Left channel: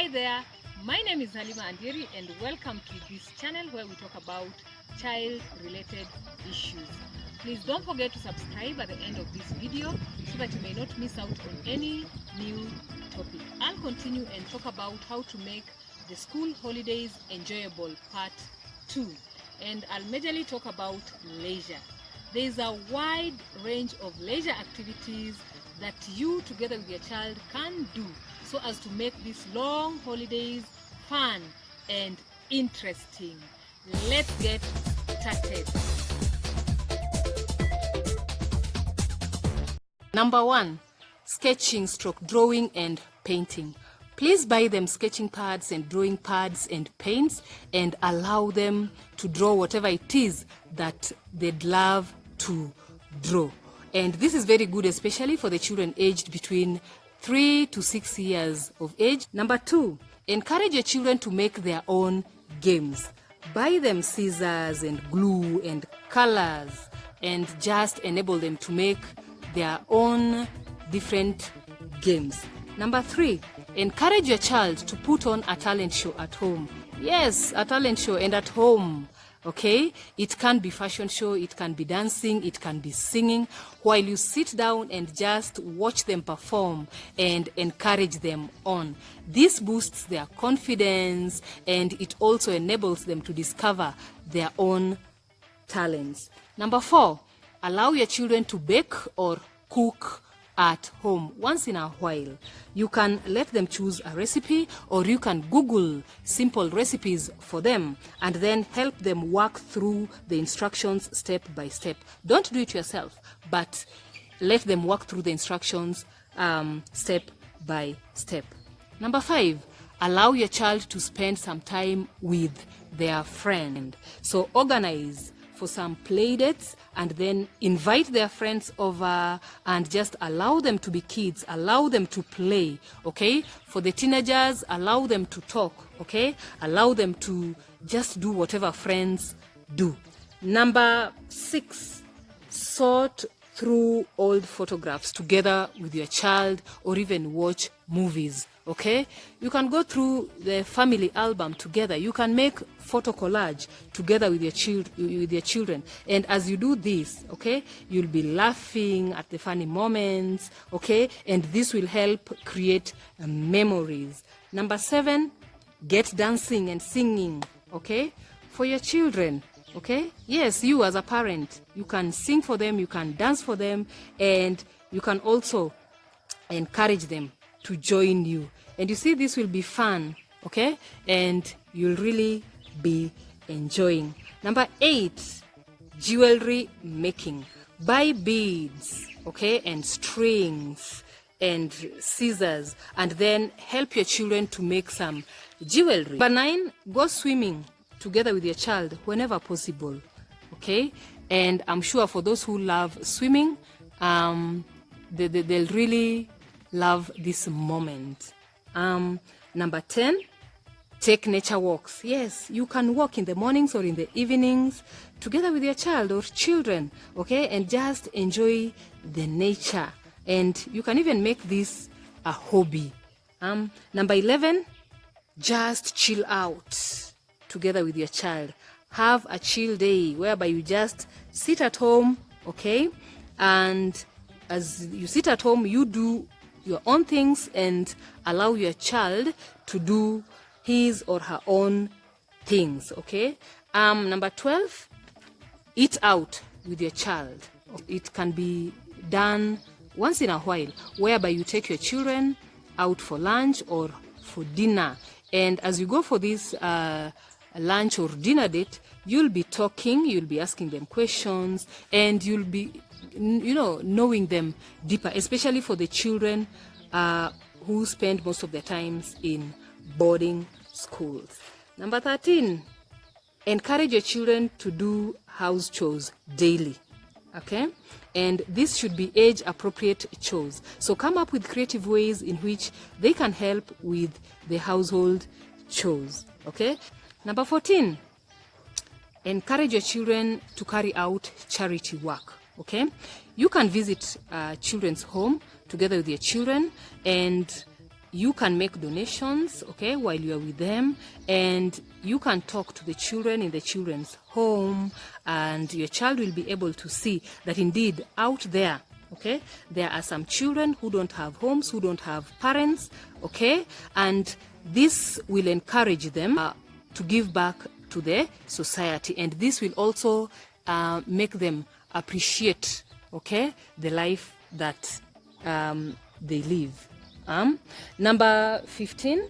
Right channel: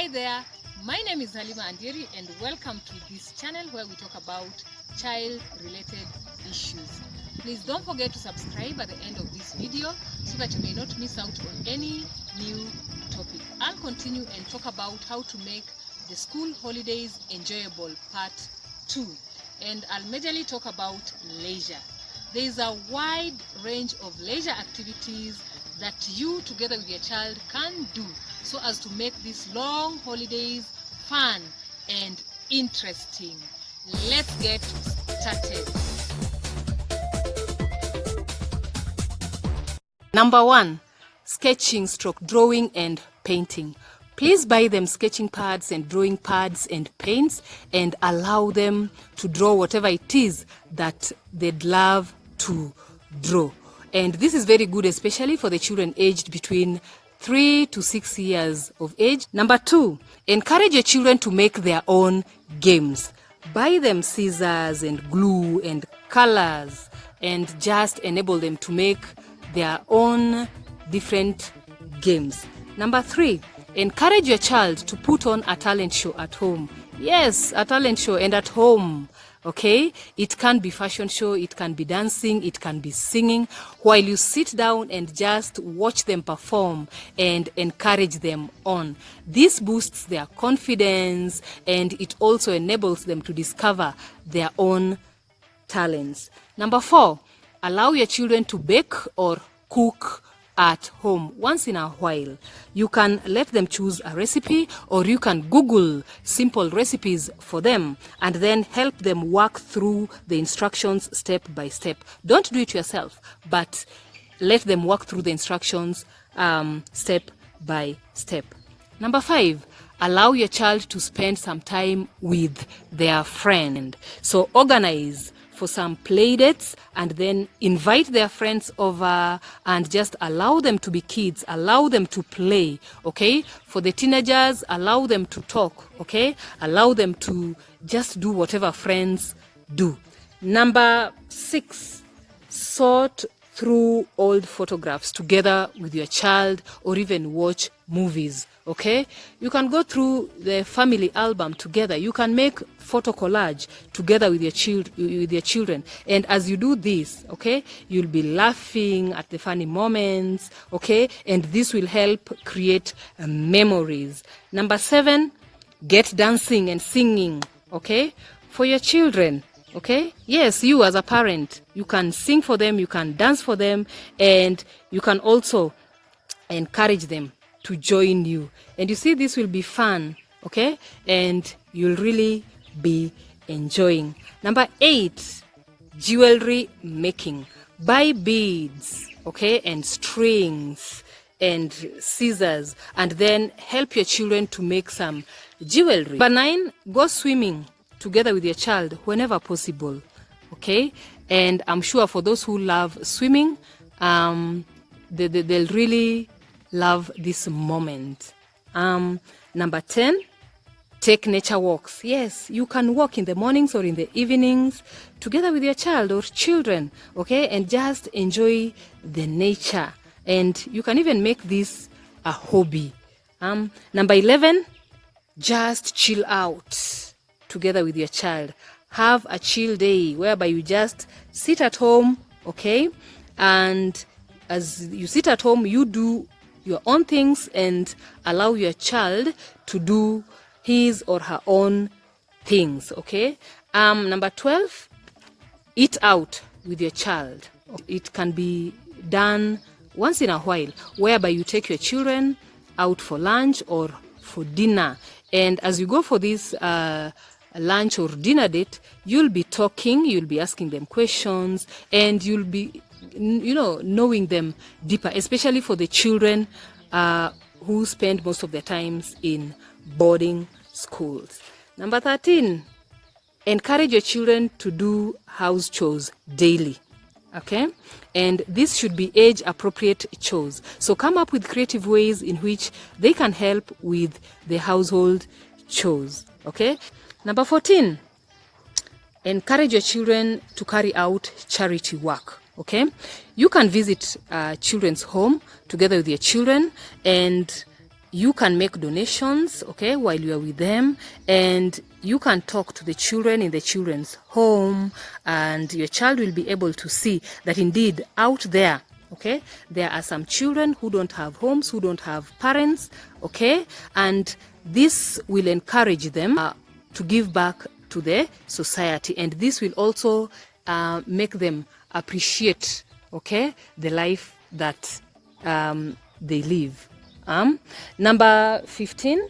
Hi there, my name is Halima Andieri and welcome to this channel where we talk about child-related issues. Please don't forget to subscribe at the end of this video so that you may not miss out on any new topic. I'll continue and talk about how to make the school holidays enjoyable, part 2. And I'll majorly talk about leisure. There is a wide range of leisure activities that you together with your child can do so as to make these long holidays fun and interesting. Let's get started. Number 1, sketching / drawing and painting. Please buy them sketching pads and drawing pads and paints and allow them to draw whatever it is that they'd love to draw. And this is very good, especially for the children aged between 3 to 6 years of age. Number 2, encourage your children to make their own games. Buy them scissors and glue and colors and just enable them to make their own different games. Number 3, encourage your child to put on a talent show at home. Yes, a talent show and at home. Okay, it can be fashion show, it can be dancing, it can be singing, while you sit down and just watch them perform and encourage them on. This boosts their confidence and it also enables them to discover their own talents. Number 4, allow your children to bake or cook at home once in a while. You can let them choose a recipe or you can Google simple recipes for them and then help them work through the instructions step by step. Don't do it yourself, but let them work through the instructions step by step. Number 5, allow your child to spend some time with their friend. So organize for some play dates and then invite their friends over and just allow them to be kids, allow them to play, okay? For the teenagers, allow them to talk, okay? Allow them to just do whatever friends do. Number 6, sort through old photographs together with your child or even watch movies. Okay, you can go through the family album together. You can make photo collage together with your children. And as you do this, okay, you'll be laughing at the funny moments, okay, and this will help create memories. Number 7, get dancing and singing, okay, for your children. Okay, yes, you as a parent, you can sing for them, you can dance for them, and you can also encourage them to join you. And you see, this will be fun, okay, and you'll really be enjoying. Number 8, jewelry making. Buy beads, okay, and strings and scissors and then help your children to make some jewelry. Number 9, go swimming together with your child whenever possible, okay? And I'm sure for those who love swimming, they'll really love this moment. Number 10, take nature walks. Yes, you can walk in the mornings or in the evenings together with your child or children, okay? And just enjoy the nature. And you can even make this a hobby. Number 11, just chill out together with your child. Have a chill day whereby you just sit at home, okay? And as you sit at home, you do your own things and allow your child to do his or her own things, okay? Number 12, eat out with your child. It can be done once in a while, whereby you take your children out for lunch or for dinner. And as you go for this lunch or dinner date, you'll be talking, you'll be asking them questions, and you'll be knowing them deeper, especially for the children who spend most of their times in boarding schools. Number 13, encourage your children to do house chores daily, okay? And this should be age appropriate chores. So come up with creative ways in which they can help with the household chores, okay? Number 14, encourage your children to carry out charity work. Okay, you can visit children's home together with your children and you can make donations, okay, while you are with them, and you can talk to the children in the children's home, and your child will be able to see that indeed out there, okay, there are some children who don't have homes, who don't have parents, okay, and this will encourage them to give back to the society, and this will also make them appreciate, okay, the life that they live. Number 15,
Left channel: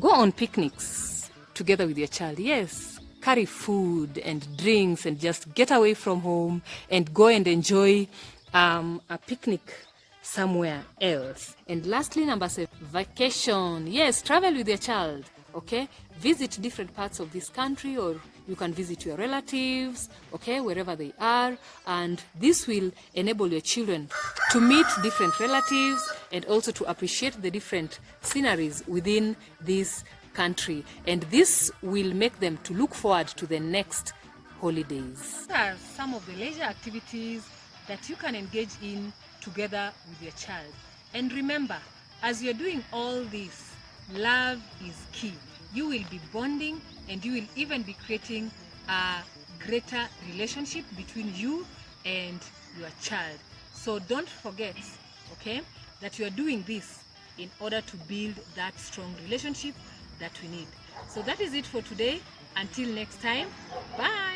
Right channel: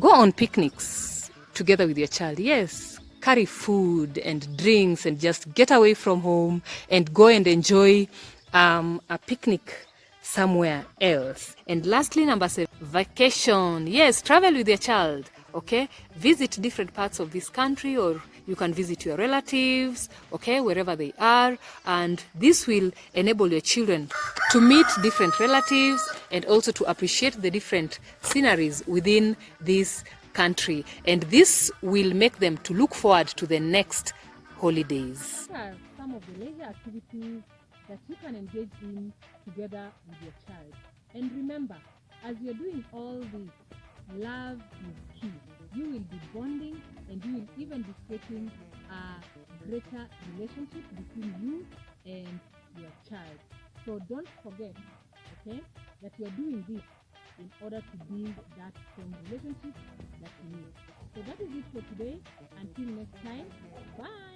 go on picnics together with your child. Yes, carry food and drinks and just get away from home and go and enjoy a picnic somewhere else. And lastly, number 7, vacation. Yes, travel with your child, okay? Visit different parts of this country, or you can visit your relatives, okay, wherever they are, and this will enable your children to meet different relatives and also to appreciate the different sceneries within this country, and this will make them to look forward to the next holidays. These are some of the leisure activities that you can engage in together with your child. And remember, as you're doing all this, love is key. You will be bonding, and you will even be creating a greater relationship between you and your child. So don't forget, okay, that you are doing this in order to build that strong relationship that we need. So that is it for today. Until next time, bye.